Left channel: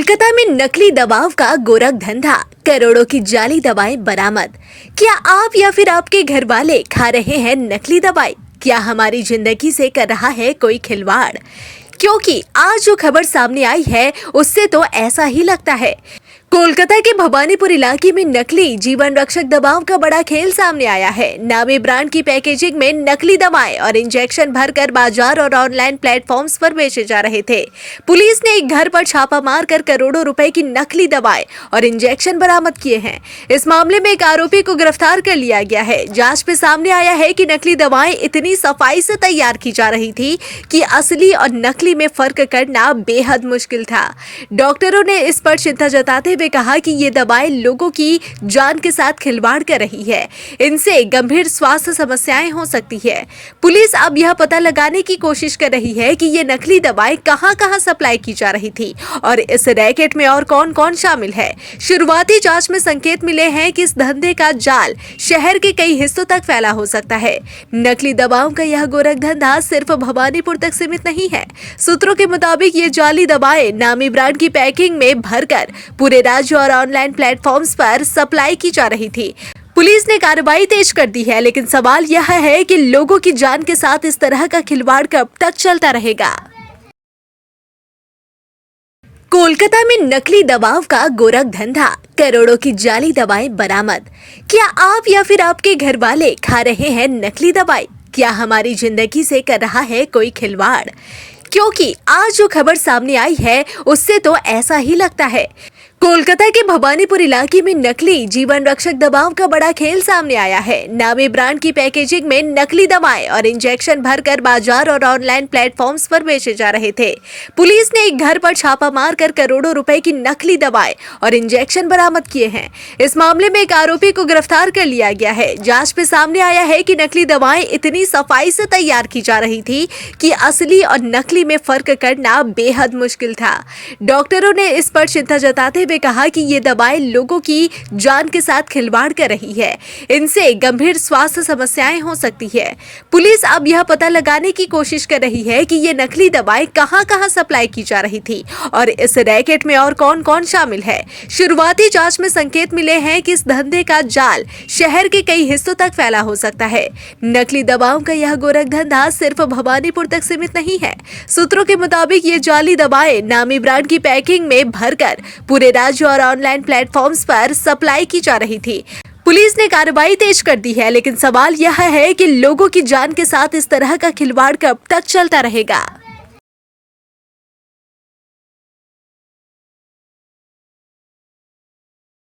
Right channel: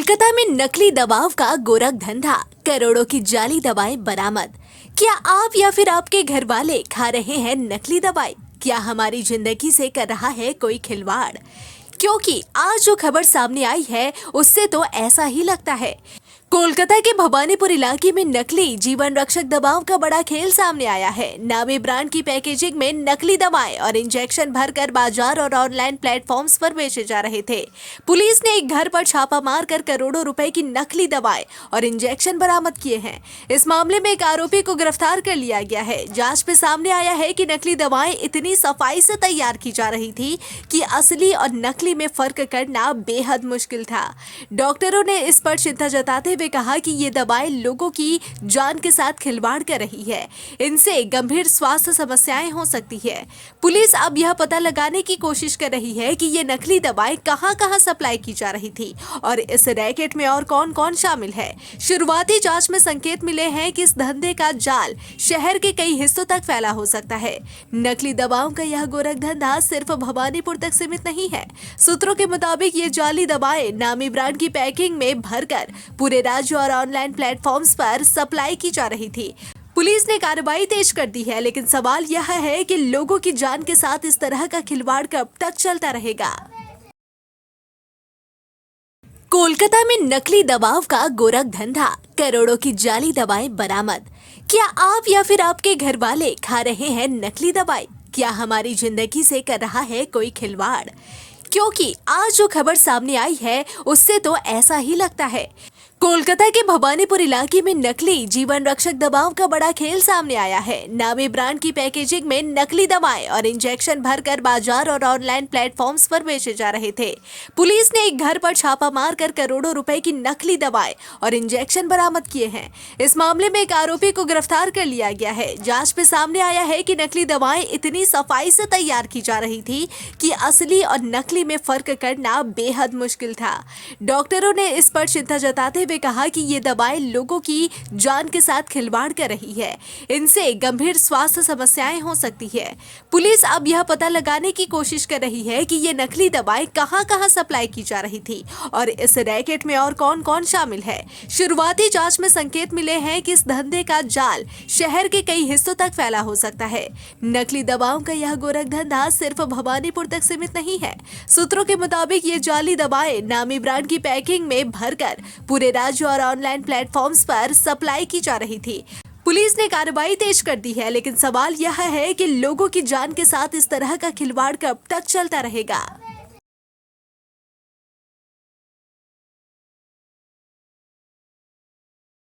कोलकाता में नकली दवाओं का गोरख धंधा, करोड़ों की जाली दवाएं बरामद। क्या आप या फिर आपके घर वाले खा रहे हैं नकली दवाई? क्या हमारी जिंदगी से कर रहा है कोई खिलवाड़? क्योंकि आज जो खबर सामने आई है उससे तो ऐसा ही लगता है। कोलकाता के भवानीपुर इलाके में नकली जीवन रक्षक दवाओं का बड़ा खेल सामने आया है। नामी ब्रांड की पैकेजिंग में नकली दवाएं और इंजेक्शन भरकर बाजार और ऑनलाइन प्लेटफॉर्म्स पर बेचे जा रहे थे। पुलिस ने एक घर पर छापा मारकर करोड़ों रुपए की नकली दवाएं और इंजेक्शन बरामद किए हैं। इस मामले में एक आरोपी को गिरफ्तार कर लिया गया है। जांच में सामने आया है कि नकली दवाएं इतनी सफाई से तैयार की जा रही थी कि असली और नकली में फर्क करना बेहद मुश्किल था। डॉक्टरों ने इस पर चिंता जताते हुए कहा कि ये दवाएं लोगों की जान के साथ खिलवाड़ कर रही है। इनसे गंभीर स्वास्थ्य समस्याएं हो सकती है। पुलिस अब यह पता लगाने की कोशिश कर रही है कि ये नकली दवाएं कहां-कहां सप्लाई की जा रही थी और इस रैकेट में और कौन-कौन शामिल है। शुरुआती जांच में संकेत मिले हैं कि इस धंधे का जाल शहर के कई हिस्सों तक फैला हो सकता है। नकली दवाओं का यह गोरख धंधा सिर्फ भवानीपुर तक सीमित नहीं है। सूत्रों के मुताबिक ये जाली दवाएं नामी ब्रांड की पैकिंग में भरकर पूरे राज्य और ऑनलाइन प्लेटफॉर्म्स पर सप्लाई की जा रही थी। पुलिस ने कार्रवाई तेज कर दी है, लेकिन सवाल यह है कि लोगों की जान के साथ इस तरह का खिलवाड़ कब तक चलता रहेगा। कोलकाता में नकली दवाओं का गोरख धंधा, करोड़ों की जाली दवाएं बरामद। क्या आप या फिर आपके घर वाले खा रहे हैं नकली दवाई? क्या हमारी जिंदगी से कर रहा है कोई खिलवाड़? क्योंकि आज जो खबर सामने आई है उससे तो ऐसा ही लगता है। कोलकाता के भवानीपुर इलाके में नकली जीवन रक्षक दवाओं का बड़ा खेल सामने आया है। नामी ब्रांड की पैकेजिंग में नकली दवाएं और इंजेक्शन भरकर बाजार और ऑनलाइन प्लेटफॉर्म्स पर बेचे जा रहे थे। पुलिस ने एक घर पर छापा मारकर करोड़ों रुपए की नकली दवाएं और इंजेक्शन बरामद किए हैं। इस मामले में एक आरोपी को गिरफ्तार कर लिया गया है। जांच में सामने आया है कि नकली दवाएं इतनी सफाई से तैयार की जा रही थी कि असली और नकली में फर्क करना बेहद मुश्किल था। डॉक्टरों ने इस पर चिंता जताते हुए कहा कि ये दवाएं लोगों की जान के साथ खिलवाड़ कर रही है। इनसे गंभीर स्वास्थ्य समस्याएं हो सकती है। पुलिस अब यह पता लगाने की कोशिश कर रही है कि ये नकली दवाएं कहां-कहां सप्लाई की जा रही थी और इस रैकेट में और कौन-कौन शामिल है। शुरुआती जांच में संकेत मिले हैं कि इस धंधे का जाल शहर के कई हिस्सों तक फैला हो सकता है। नकली दवाओं का यह गोरख धंधा सिर्फ भवानीपुर तक सीमित नहीं है। सूत्रों के मुताबिक ये जाली दवाएं नामी ब्रांड की पैकिंग में भरकर पूरे राज्य और ऑनलाइन प्लेटफॉर्म्स पर सप्लाई की जा रही थी। पुलिस ने कार्रवाई तेज कर दी है, लेकिन सवाल यह है कि लोगों की जान के साथ इस तरह का खिलवाड़ कब तक चलता रहेगा।